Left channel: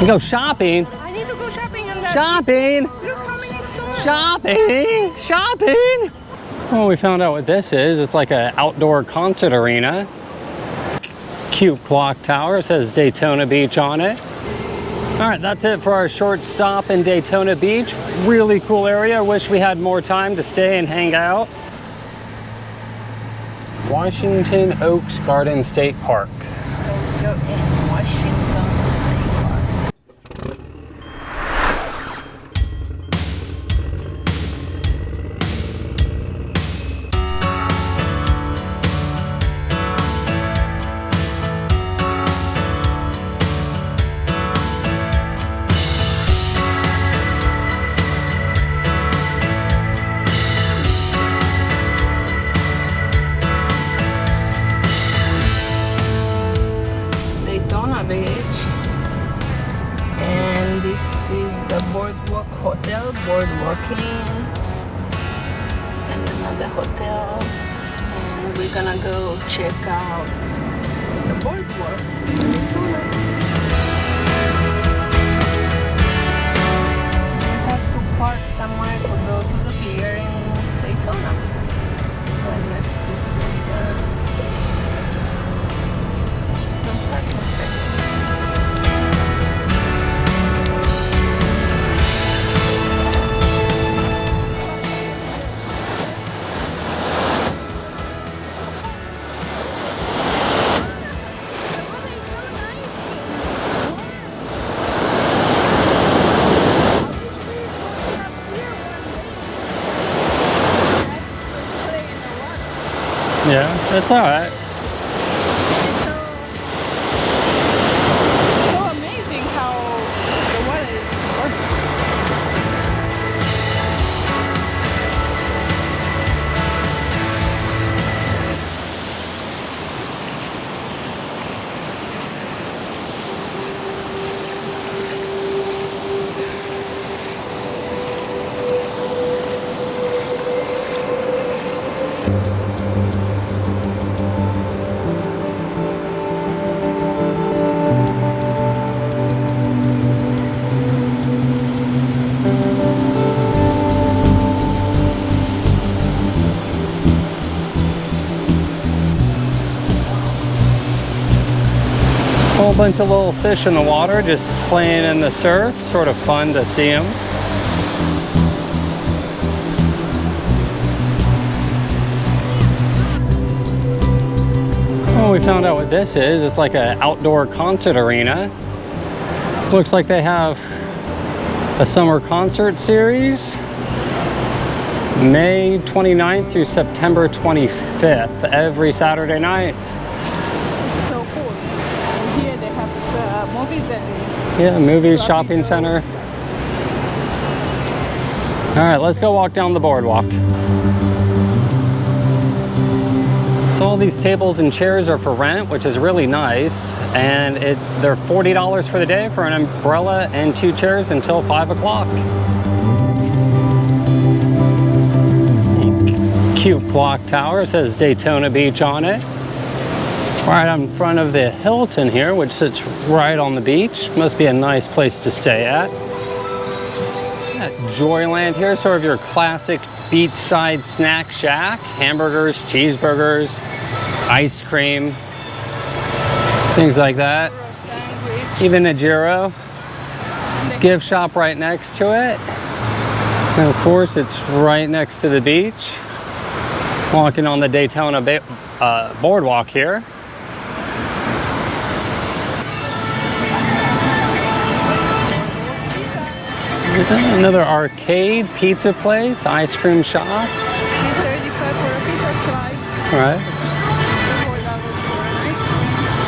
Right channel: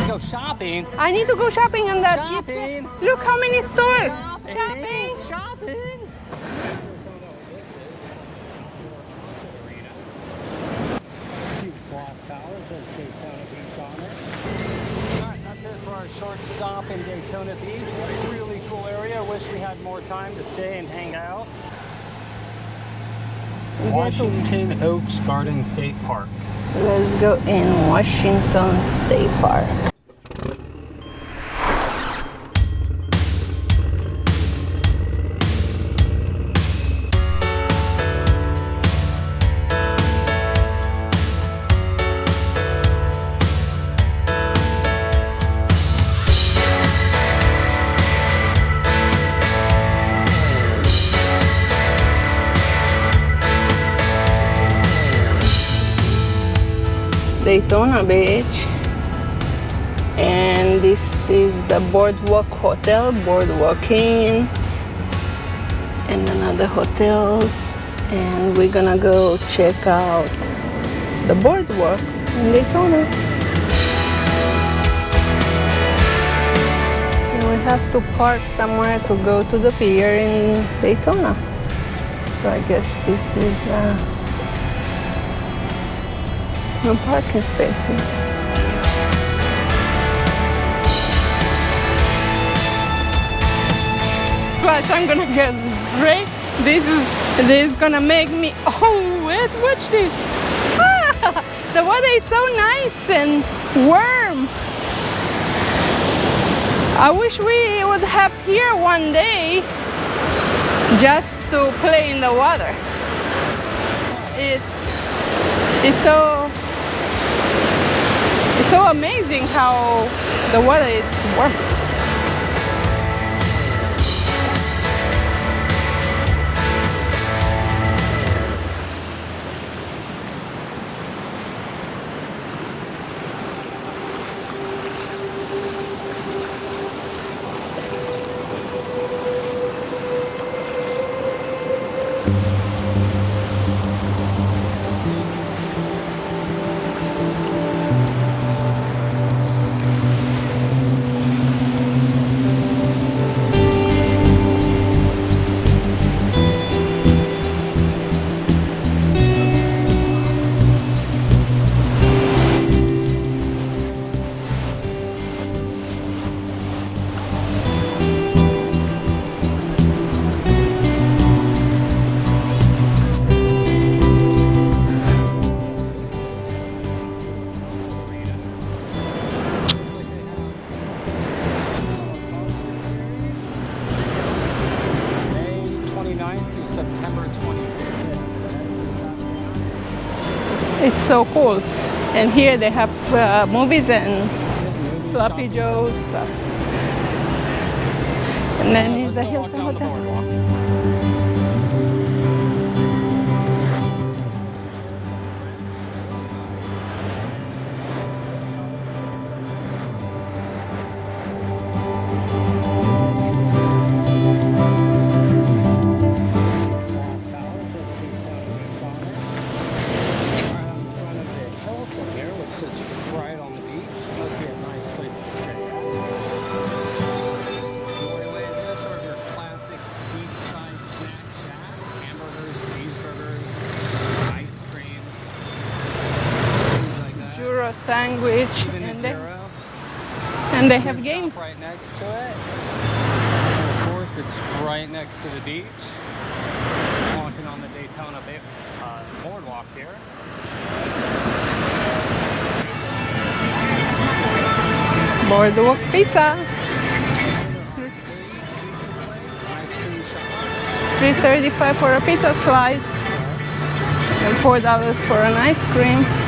We go shopping. I need to go shopping in that. Shopping. Look how many stores. Shopping. Shopping. Oh, we found out what this is. It's like an outdoor concert arena. Cute clock tower. It says Daytona Beach on it. All right, that's it for our short stop in Daytona Beach. Really cool area. Wish we had more time to stay and hang out. Washington Oaks Garden State Park. Let's go in Washington State Park. Daytona Beach, and this is the Boardwalk Hotel, Boardwalk Inn, and another hotels, and we're gonna go check out the boardwalk in Daytona. We have to park somewhere to go to the pier in Daytona, so I guess this is no parking spaces. Plus, I'm gonna get straight. This is gonna make me. Oh, wait, watch this. Ah, the water is so nice and warm. I wish we would have here one day just to play in the water. Yeah, that's all right. It's so amazing how the water is warm. Bunch of little fish in the water just playing in the surf. Sort of fun to see them. Oh, we found out what this is. It's like an outdoor concert arena. Looks like they have a summer concert series, May 29th through September 25th, every Saturday night. It's so cool. And here they have movies and movies, shopping center. All right, let's go walk down the boardwalk. So all these tables and chairs are for rent, which is really nice. And they're $40 for the day for an umbrella and 2 chairs until 5 o'clock. Cute clock tower, says Daytona Beach on it. Right in front of the Hilton here, which sits right on the beach. Must be a nice place to stay at. Joyland here, sort of your classic beachside snack shack. Hamburgers, cheeseburgers, ice cream, things like that. Gyro sandwich. Even a gyro. And the gift shop right next to it. And of course, it's right next to the beach. Walking on the Daytona boardwalk here. Boardwalk Pizza. Another arcade pizza place, ice cream shop. $3.35 for a pizza slice. Right. $4 for an ice cream.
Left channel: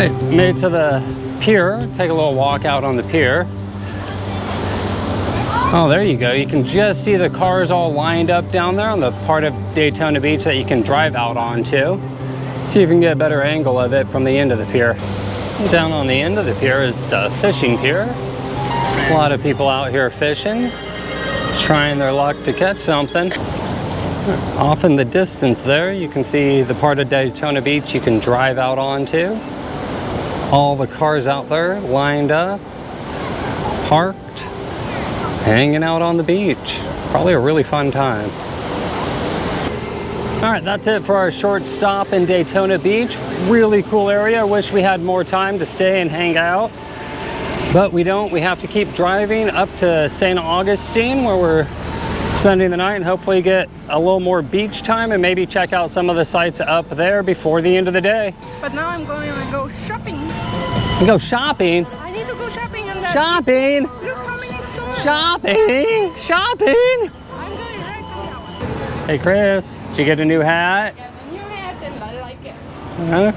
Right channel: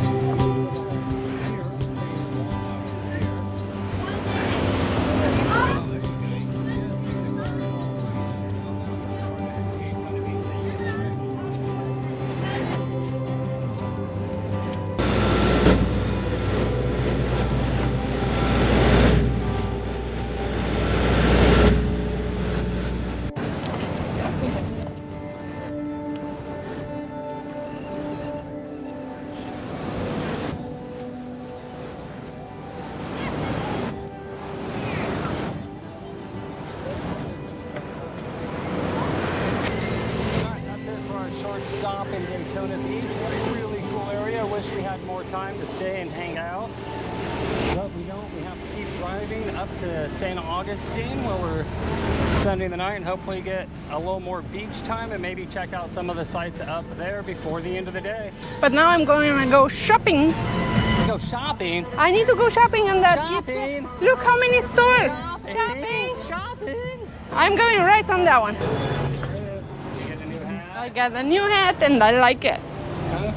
right, made it to the pier. Take a little walk out on the pier. Oh, there you go. You can just see the cars all lined up down there on the part of Daytona Beach that you can drive out onto. See if you can get a better angle of it from the end of the pier. Down on the end of the pier is the fishing pier. A lot of people out here fishing, trying their luck to catch something. Off in the distance there, you can see the part of Daytona Beach you can drive out onto. All the cars out there lined up, parked, hanging out on the beach. Probably a really fun time. All right, that's it for our short stop in Daytona Beach. Really cool area. I wish we had more time to stay and hang out, but we don't. We have to keep driving up to St. Augustine, where we're spending the night, and hopefully get a little more beach time and maybe check out some of the sites up there before the end of the day. But now I'm going to go shopping. You go shopping? I need to go shopping in the... Shopping? Look how many stores. Shopping? Shopping? I'm going right on that one. Hey Chris, did you get a new I hat? got a new hat and I like it.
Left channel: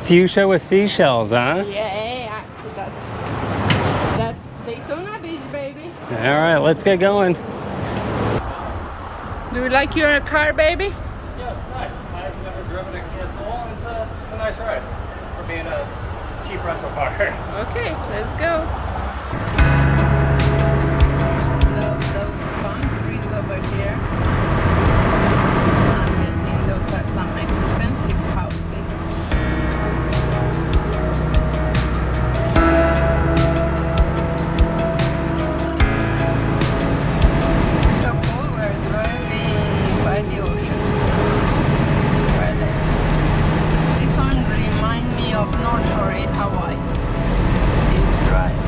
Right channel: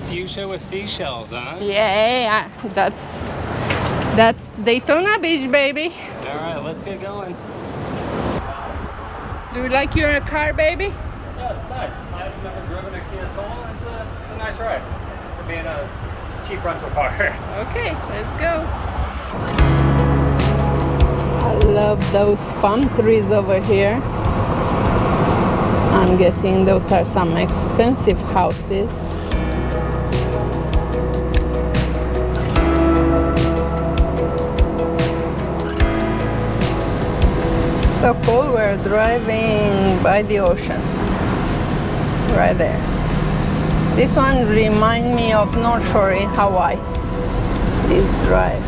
Fuchsia with seashells, huh? Yeah, that's Daytona Beach, baby. All right, let's get going. Do you like your car, baby? Yeah, it's nice. I've never driven a Kia Soul. It's a nice ride for being a cheap rental car. Okay, let's go. I love those palm trees over here. I'm guessing those are some expensive houses. So cool, we're driving by the ocean. Right there. This one reminds me of North Shore in Hawaii. This drive.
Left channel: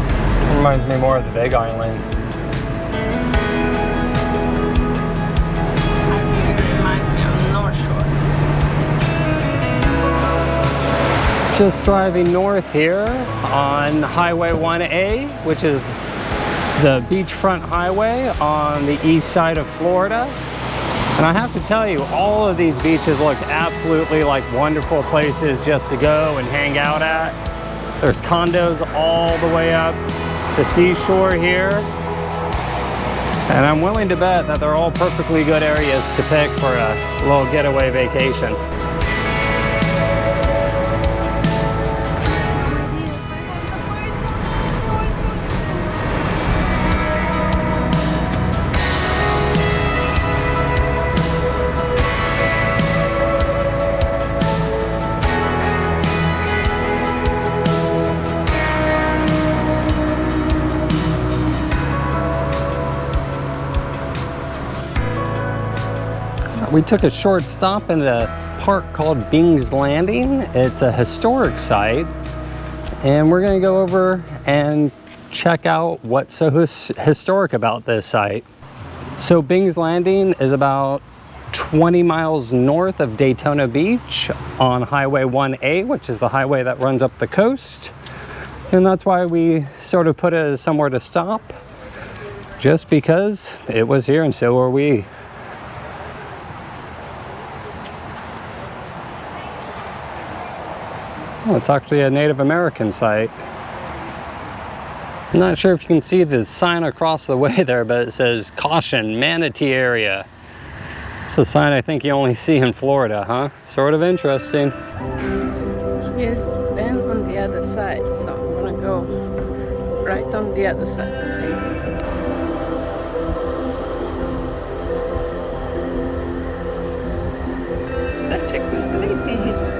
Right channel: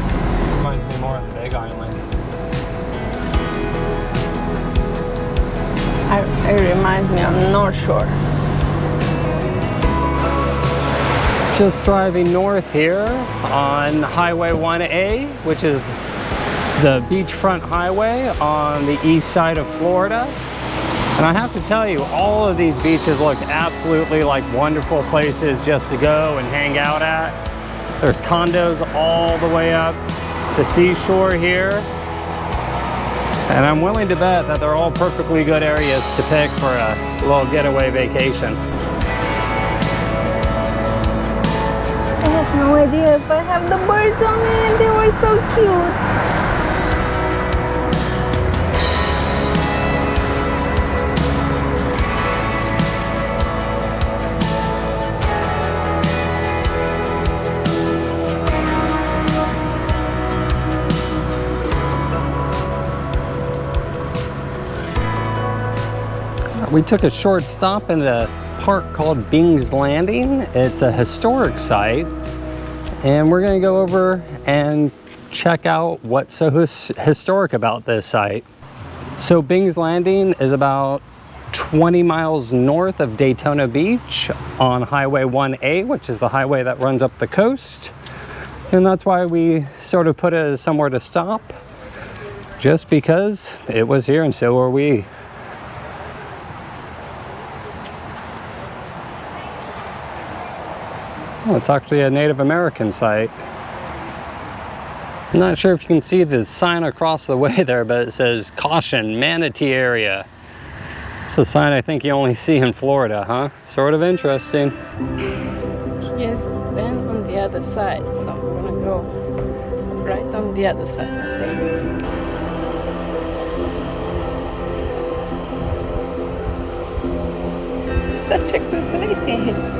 Reminds me more of the Big Island. It reminds me of North Shore. Just driving north here on Highway 1A, which is the beachfront highway on the east side of Florida. And I have to tell you, all of these beaches look absolutely like wonderful places just to go and hang out at. There's condos all the way up the seashore here. And I'm willing to bet that they're all perfectly good areas to pick for a little getaway vacation. I have no idea if I have the birds on it. They were so cute. We took a short stop in the park called Bing's Landing. It's a historic site, and we're going to go over and check out what's so historic about this site. So Bing's Landing is about 20 miles north of Daytona Beach on Highway 1A, which is the highway that runs up the coast. And that's why we sort of put it as somewhere to stop, just because it was here and so are we. Oh, it's actually a Native American site. I'm not sure if you can see the sign across the way there, but it says, "Caution, Manatee Area." It's a sign I think you only see in Florida, huh? Sort of interesting. Yes, and on the other side, so I'm gonna go right on the other side of him. Such a good place in here.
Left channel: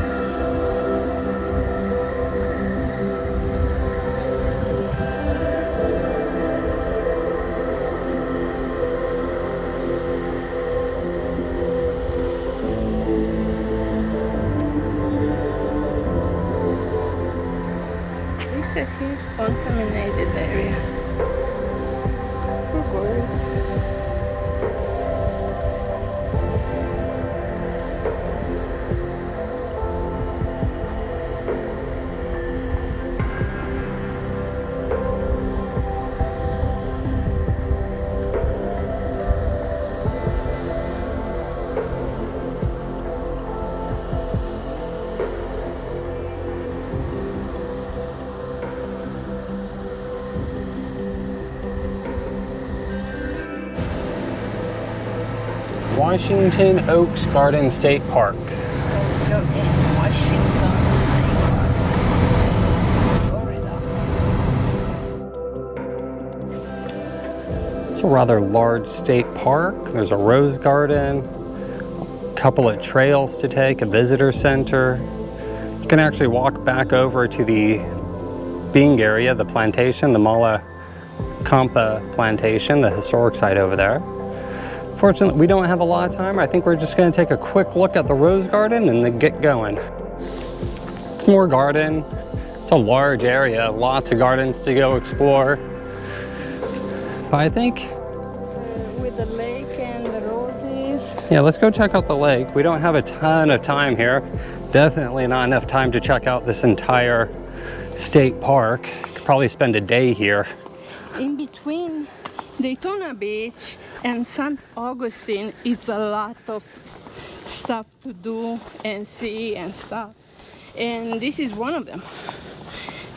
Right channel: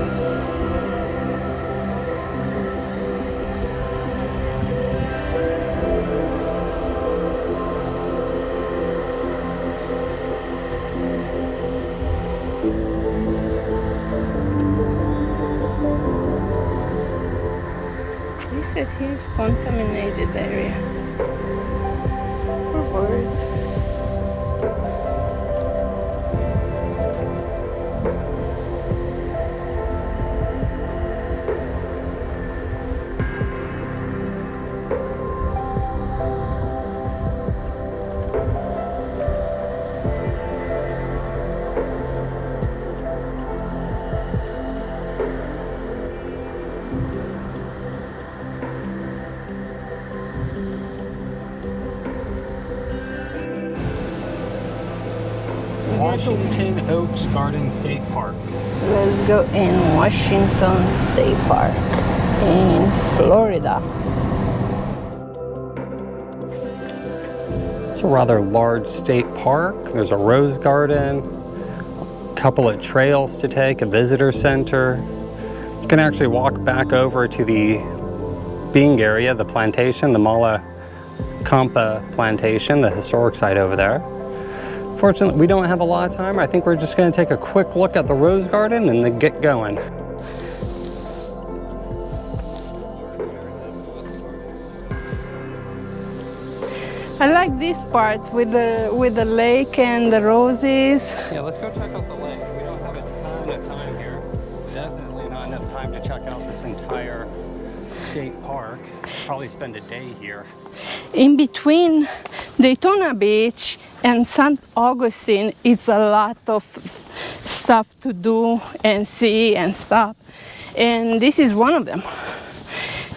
They said here's contaminated area for birds. Washington Oaks Garden State Park. Let's go in Washington State Park in Florida. It's a rather large state park. There's a rose garden, a couple of trails to take, a visitor center. You can actually walk back over to the being area, the plantation, the Mala Campa plantation, the historic site over there. Fortunately, we don't have a lot of time. I think we're just going to take a quick look at the rose garden and then get going. More garden. It's a large area, lots of gardens to go explore. I like this part with the lake and the roses. Yeah, let's go check out the lake. We don't have a ton of time here. Definitely not enough time to check out this entire state park. Probably spend a day here. In between Daytona Beach and St. Augustine, it's a lot of stuff to do and see and stuff. And this is one of them.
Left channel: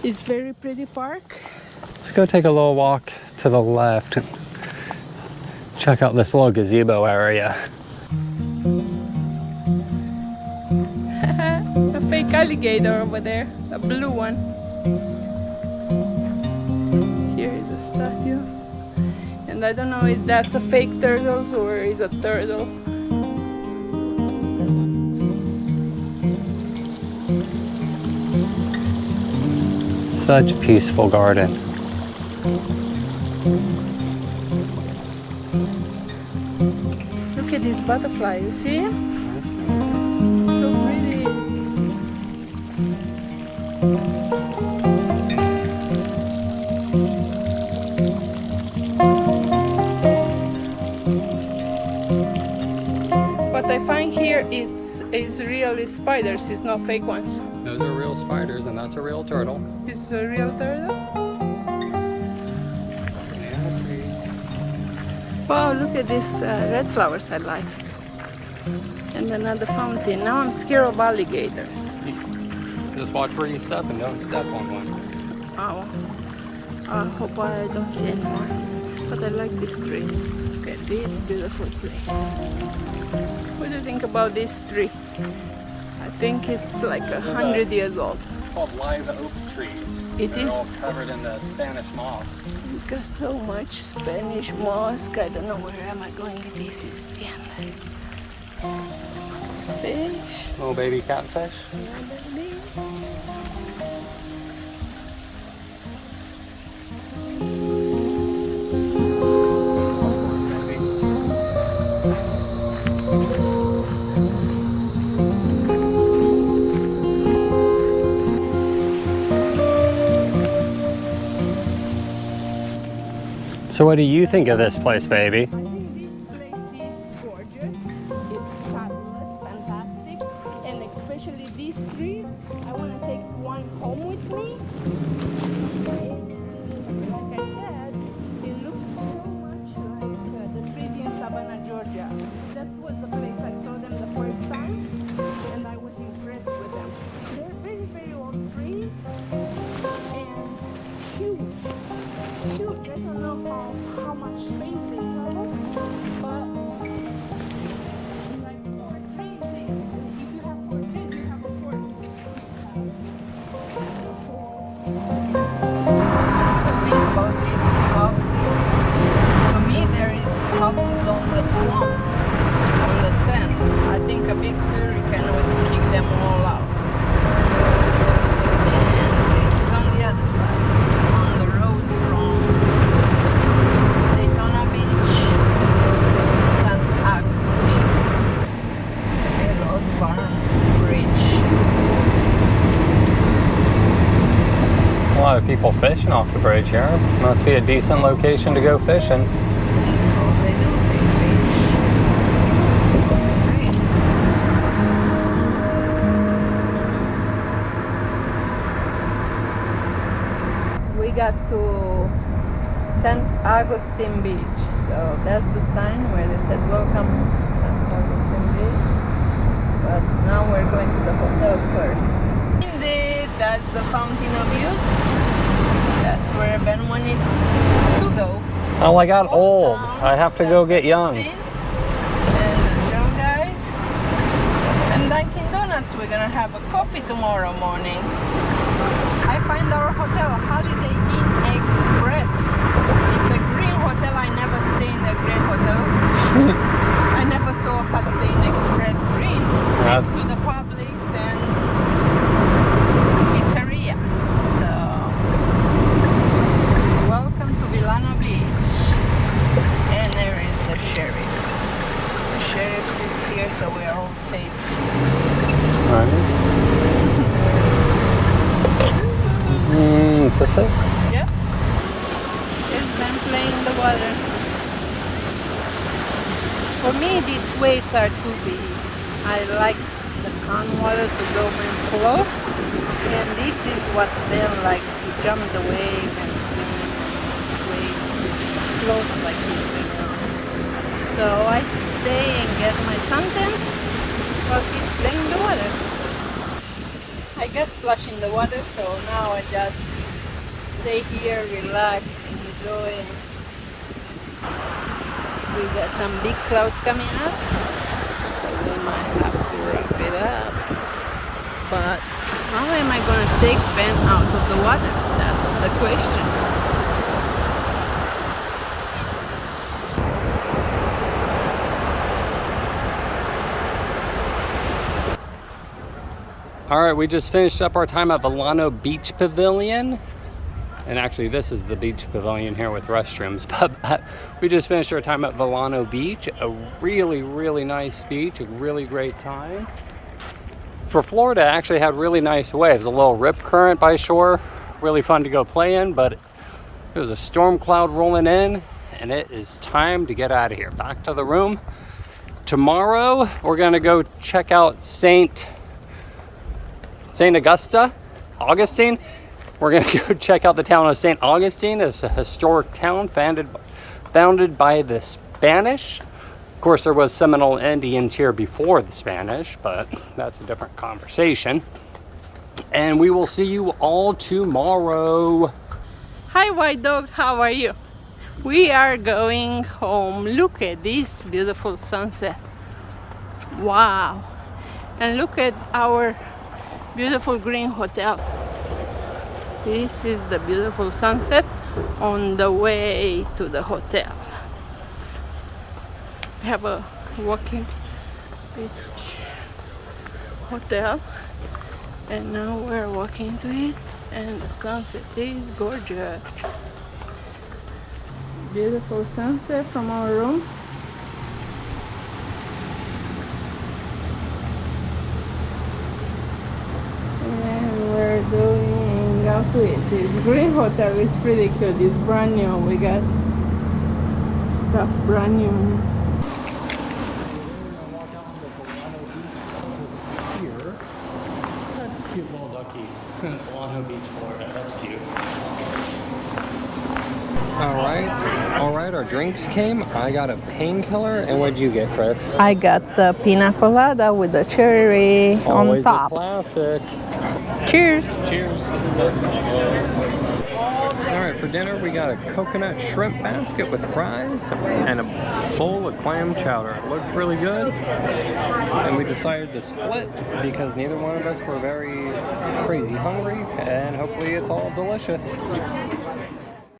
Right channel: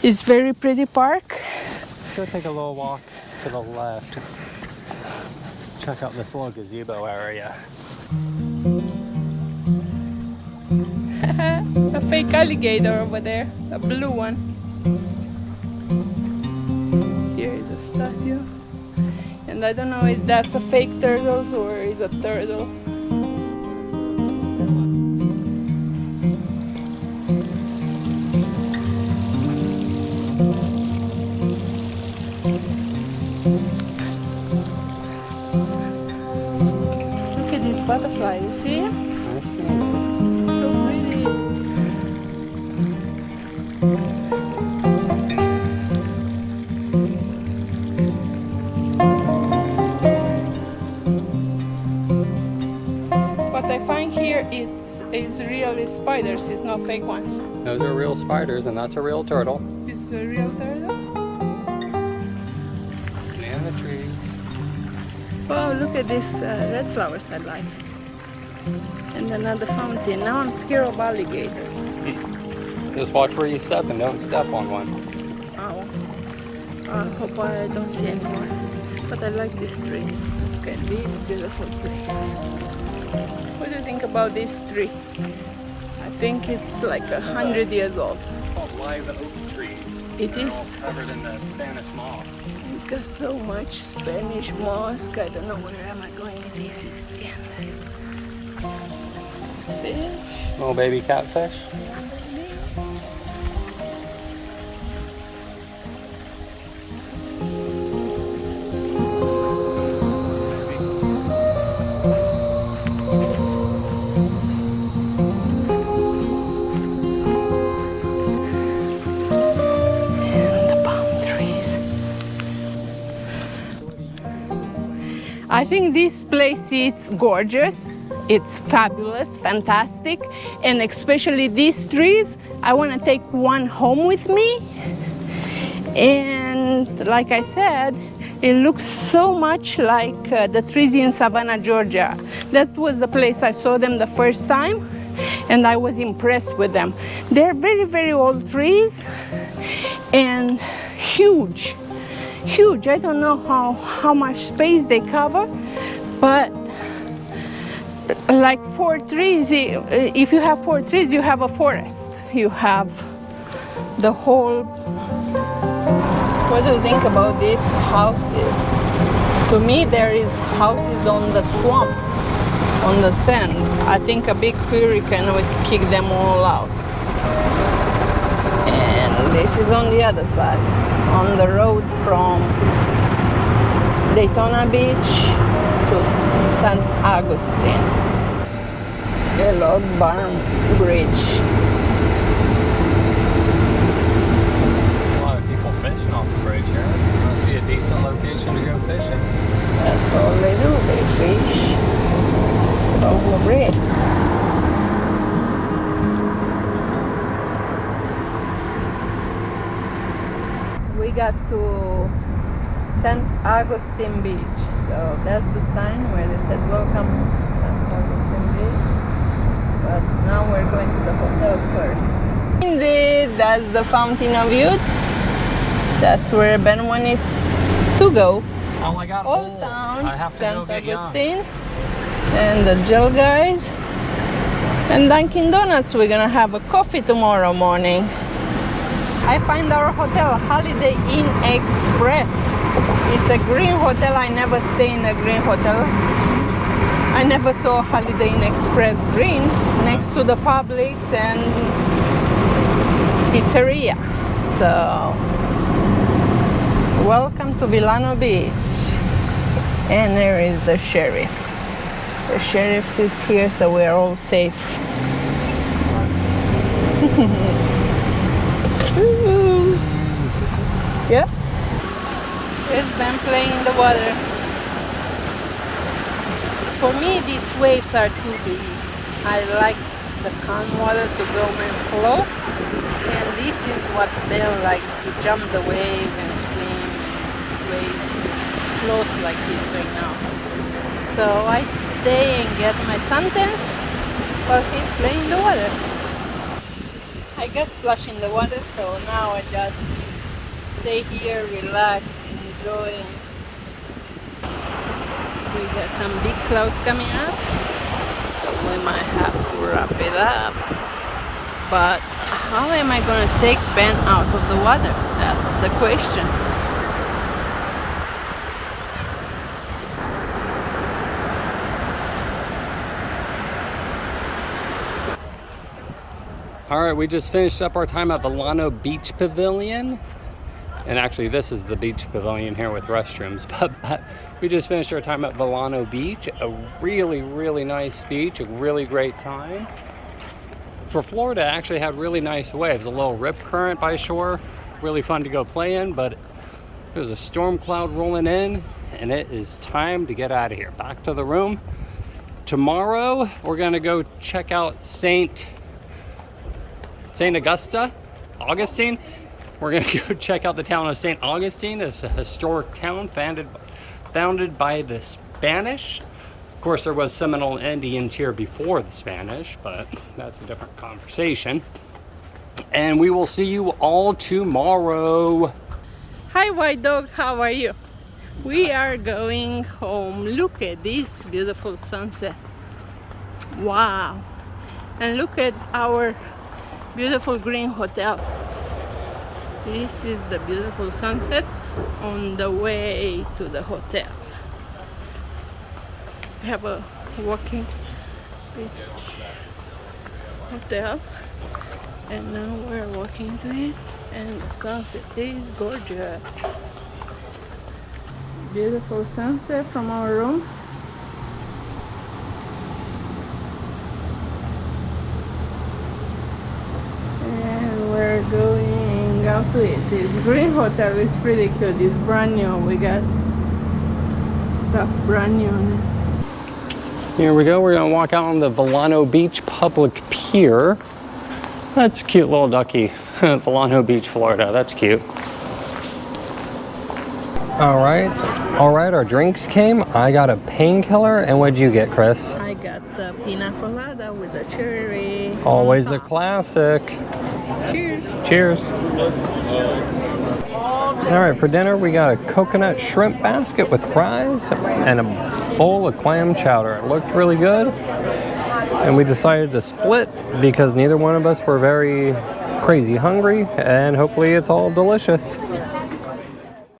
It's very pretty park. Let's go take a little walk to the left. Check out this little gazebo area. A fake alligator over there, a blue one. Here is a statue. And I don't know if that's a fake turtle or is a turtle. Such a peaceful garden. Look at this butterfly, you see? So pretty. What I find here is really spiders, it's not fake ones. Those are real spiders and that's a real turtle. It's a real turtle? Banana trees. Wow, look at these red flowers I like. And another fountain. Now I'm scared of alligators. Just watch where you step and don't step on one. Oh, I hope I don't see any more. But I like this tree. Look at this beautiful place. What do you think about this tree? I think it's like 100 years old. It's called live oak trees. It is. Covered in the Spanish moss. It's got so much Spanish moss. I don't know where am I going. This is the end. Fish. Little baby catfish. So what do you think of this place, baby? I think this place is gorgeous. It's fabulous, fantastic, and especially these trees. I want to take one home with me. And like I said, it looks so much like the trees in Savannah, Georgia. That was the place I saw them the first time, and I was impressed with them. They're very, very old trees and huge. Huge. I don't know how much space they cover, but like 4 trees, if you have 4 trees, you have a forest. You have the whole. What do you think about these houses? To me, there is houses on the swamp, on the sand. I think a big hurricane would kick them all out. And this is on the other side, on the road from Daytona Beach to St. Augustine. A log barn bridge. A lot of people fishing off the bridge here. Must be a decent location to go fishing. That's all they do, they fish on the bridge. We got to St. Augustine Beach, so that's the sign where they said welcome to St. Augustine Beach. But now we're going to the hotel first. Indeed, that's the Fountain of Youth. That's where Ben wanted to go. Oh, I got old. Down I have to St. go get young. Augustine. and the Gel Guys. And Dunkin' Donuts, we're gonna have a coffee tomorrow morning. I find our hotel, Holiday Inn Express. It's a green hotel. I never stay in a green hotel. I never saw Holiday Inn Express green next to the Publix and pizzeria. So, welcome to Villano Beach. And there is the sheriff. The sheriff is here, so we're all safe. Is this it? Yep. There's them playing in the water. For me, these waves are too big. I like the calm water to go and float. And this is what Ben likes, to jump the wave and swim and waves and float like he's doing now. So I stay and get my suntan while he's playing in the water. I got splashed in the water, so now I just stay here, relax, enjoy. We got some big clouds coming up, so we might have to wrap it up. But how am I going to take Ben out of the water? That's the question. All right, we just finished up our time at Villano Beach Pavilion. And actually, this is the beach pavilion here with restrooms. But we just finished our time at Villano Beach. A really, really nice beach, a really great time. For Florida, I actually had really nice waves. A little rip current by shore. Really fun to go play in, but there was a storm cloud rolling in, and it is time to get out of here. Back to the room. Tomorrow, we're gonna go check out St. Augustine. We're gonna go check out the town of St. Augustine. It's a historic town founded by the Spanish. Of course, there was Seminole Indians here before the Spanish, but that's a different conversation. And we will see you all tomorrow. Hi, white dog, how are you? We are going home. Look at this beautiful sunset. Wow. And look at our beautiful green hotel. This is the beautiful sunset on the way to the hotel. We have a walking beach hotel, and now we're walking to it, and the sunset is gorgeous. Beautiful sunset from our room. And we're going out to it. This green hotel is pretty cute. It's brand new. We got stuff brand new. Here we go. We're gonna walk out on the Villano Beach Public Pier. That's a cute little ducky. Villano Beach, Florida. That's cute. All right, our drinks came. I got a painkiller, and what'd you get, Chris? I got the pina colada with the cherry Always on a top. classic. Cheers. Cheers. All right, for dinner, we got a coconut shrimp basket with fries and a bowl of clam chowder. It looked really good. And we decided to split because neither one of us were very crazy hungry, and hopefully it's all delicious.